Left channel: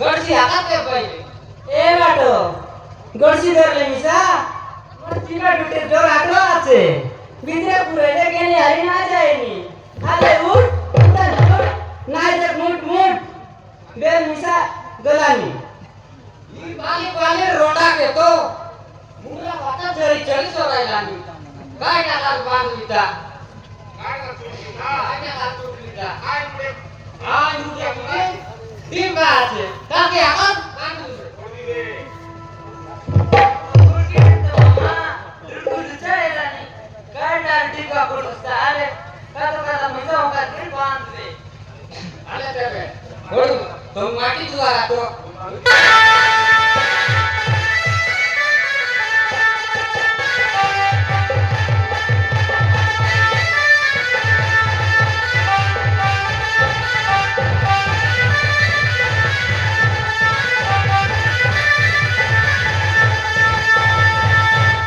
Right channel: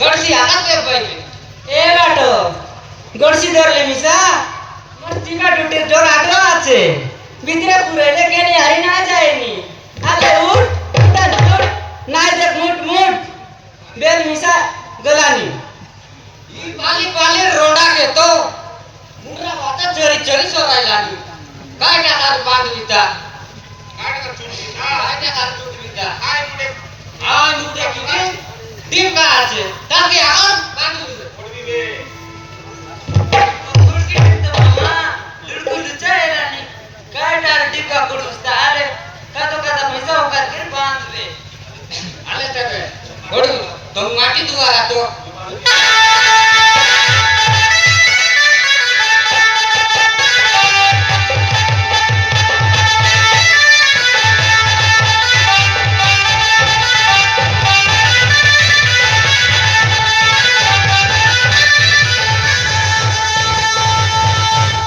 गडसी हातात काय पाहिजे ए बाटो गडसी धरले मिसा मस्ती का डुटे जोर आटो আছে ভিতরে পুরাইলে কেনে হারি না যায়নি আলে উঠ উঠান উঠ না দেখ মুট মুট बेल मिसा गलानी ही पाली पाली रोंडा घेतो मुंडरा वाचा चरी चरी सोरायला नी काय टाकाल बांधविता काय टाकाल चुटविता आ नुडे किती टीम का আছে তাকে এখন বাंधविता काय टार टिका पुरस्ता अरे का तो कदा मिसा होकर के बांध दे आले तर बडू तो माटी दुवा राहतो